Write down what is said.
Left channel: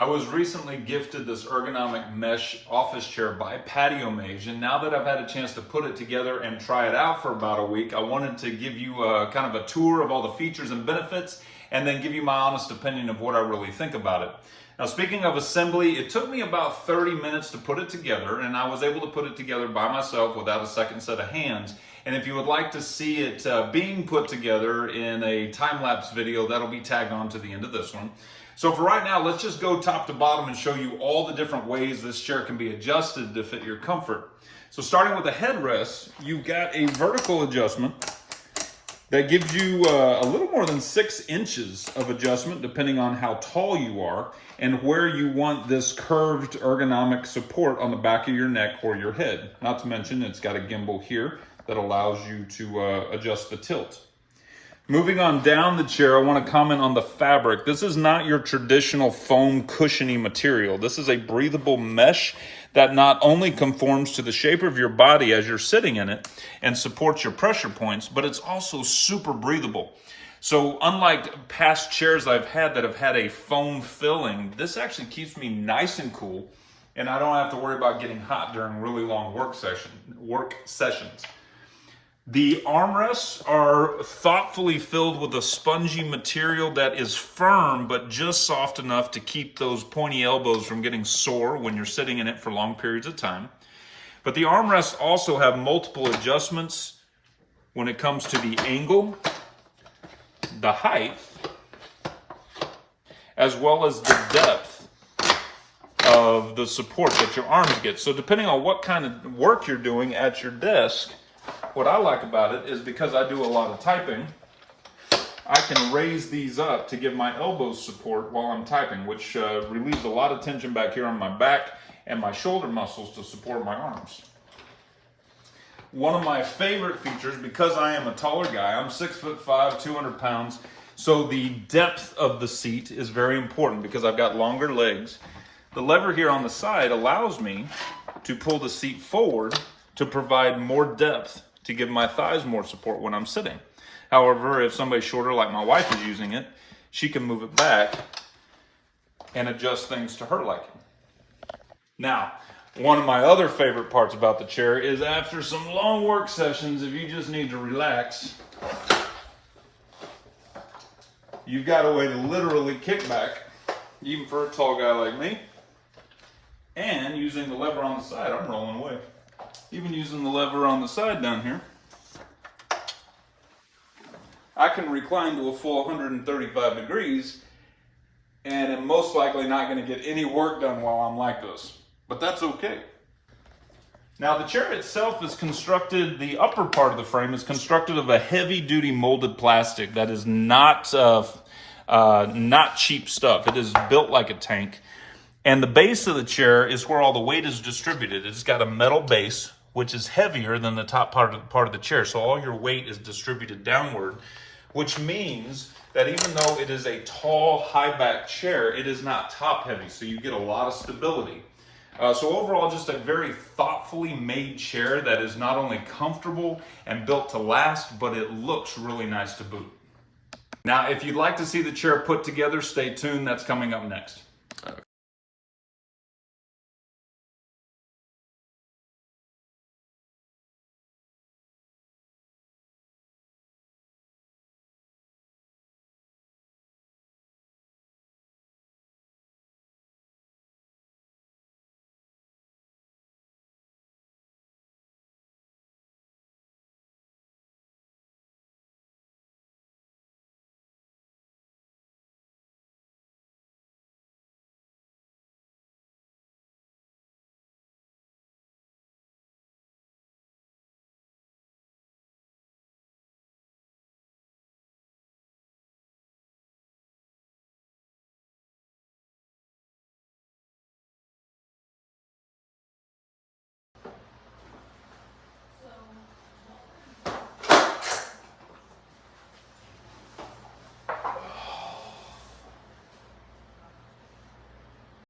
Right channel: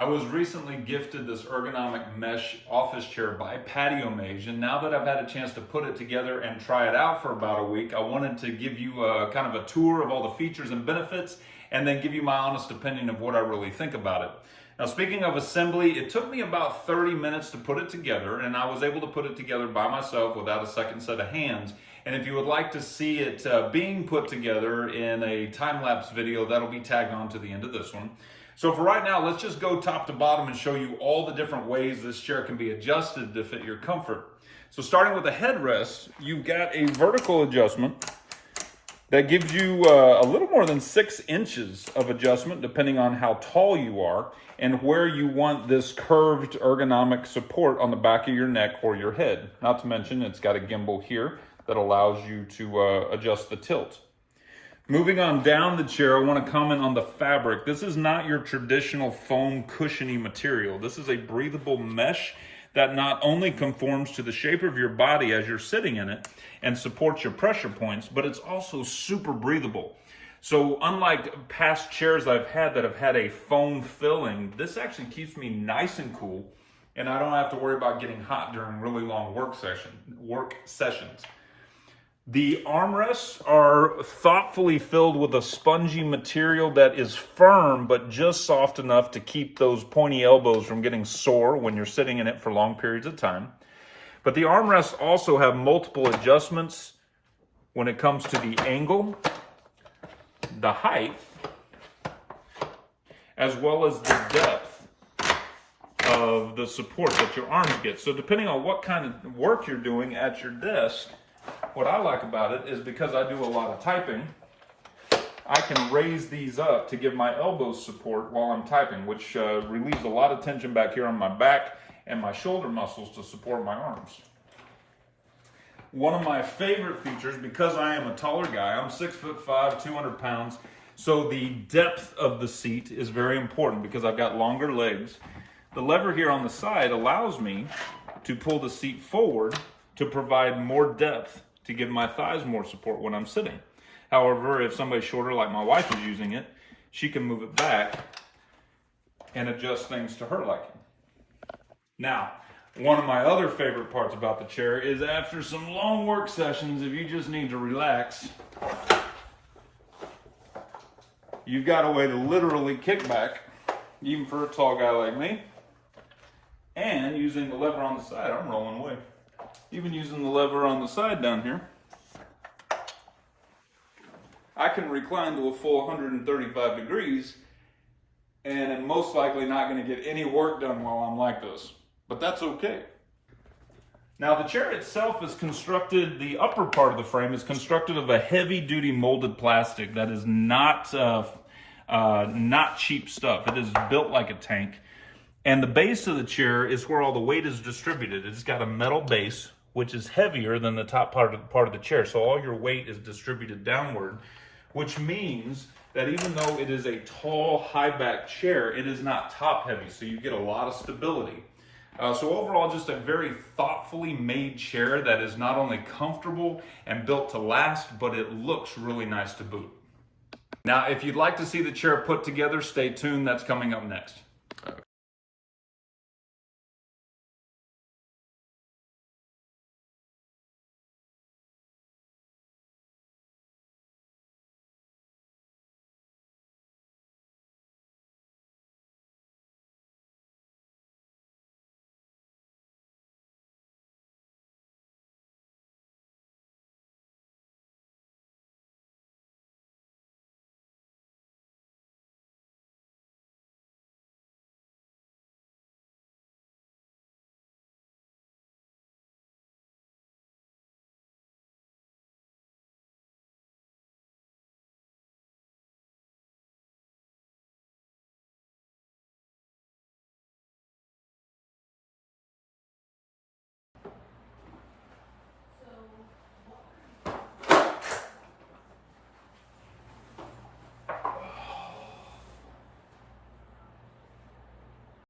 I was recently gifted this ergonomic mesh office chair by PatioMage, and now that I've had a chance to put it together and try it out for about a week, I wanted to give you kind of a tour of all the features and benefits, and then give you my honest opinion of what I really think about it. Now, speaking of assembly, it took me about 30 minutes to put it together, and I was able to put it together by myself without a second set of hands. And if you would like to see it being put together in a time-lapse video, that'll be tagged on to the end of this one. So for right now, let's just go top to bottom and show you all the different ways this chair can be adjusted to fit your comfort. So starting with the headrest, you've got a vertical adjustment that gives you a little more than 6 inches of adjustment depending on how tall you are and where you want this curved ergonomic support on the back of your neck or your head. Not to mention it's got a gimbal here that allows you to adjust the tilt. Moving on down the chair, I want to comment on the fabric. This is not your traditional foam cushiony material. This is a breathable mesh that not only conforms to the shape of your body as you're sitting in it and supports your pressure points, but it's also super breathable. So unlike past chairs I've had that have had a foam filling, this actually keeps me nice and cool, and I don't have to worry about getting hot during really long work sessions. The armrests are thoughtfully filled with a spongy material that is firm, but just soft enough to keep those pointy elbows from getting sore when you're sitting in it for long periods of time. But the armrests also have multiple adjustments when it comes to the angle, the height, as well as the depth of the support that your arms get. So depending on what kind of work you're doing at your desk, what I like about it is because I do a lot of typing, I can raise these up to give my elbows support while I'm typing, which relieves a lot of tension back here on my back and my shoulder muscles to support my arms. One of my favorite features, because I am a taller guy, I'm 6'5", 200 pounds, so the depth of the seat is very important because I've got longer legs. The lever here on the side allows me to pull the seat forward to provide more depth to give my thighs more support when I'm sitting. However, if somebody's shorter like my wife is using it, she can move it back and adjust things to her liking. Now, one of my other favorite parts about the chair is after some long work sessions, if you just need to relax, you've got a way to literally kick back, even for a tall guy like me. And using the lever on the side, I'm rolling away. Even using the lever on the side down here, I can recline to a full 135 degrees and am most likely not going to get any work done while I'm like this. But that's okay. Now the chair itself is constructed, the upper part of the frame is constructed of a heavy-duty molded plastic that is not cheap stuff. It is built like a tank. And the base of the chair is where all the weight is distributed. It's got a metal base, which is heavier than the top part of the chair. So all your weight is distributed downward, which means that even though it is a tall, high-back chair, it is not top-heavy. So you get a lot of stability. So overall, just a very thoughtfully made chair that is not only comfortable and built to last, but it looks really nice to boot. Now, if you'd like to see the chair put together, stay tuned. That's coming up next.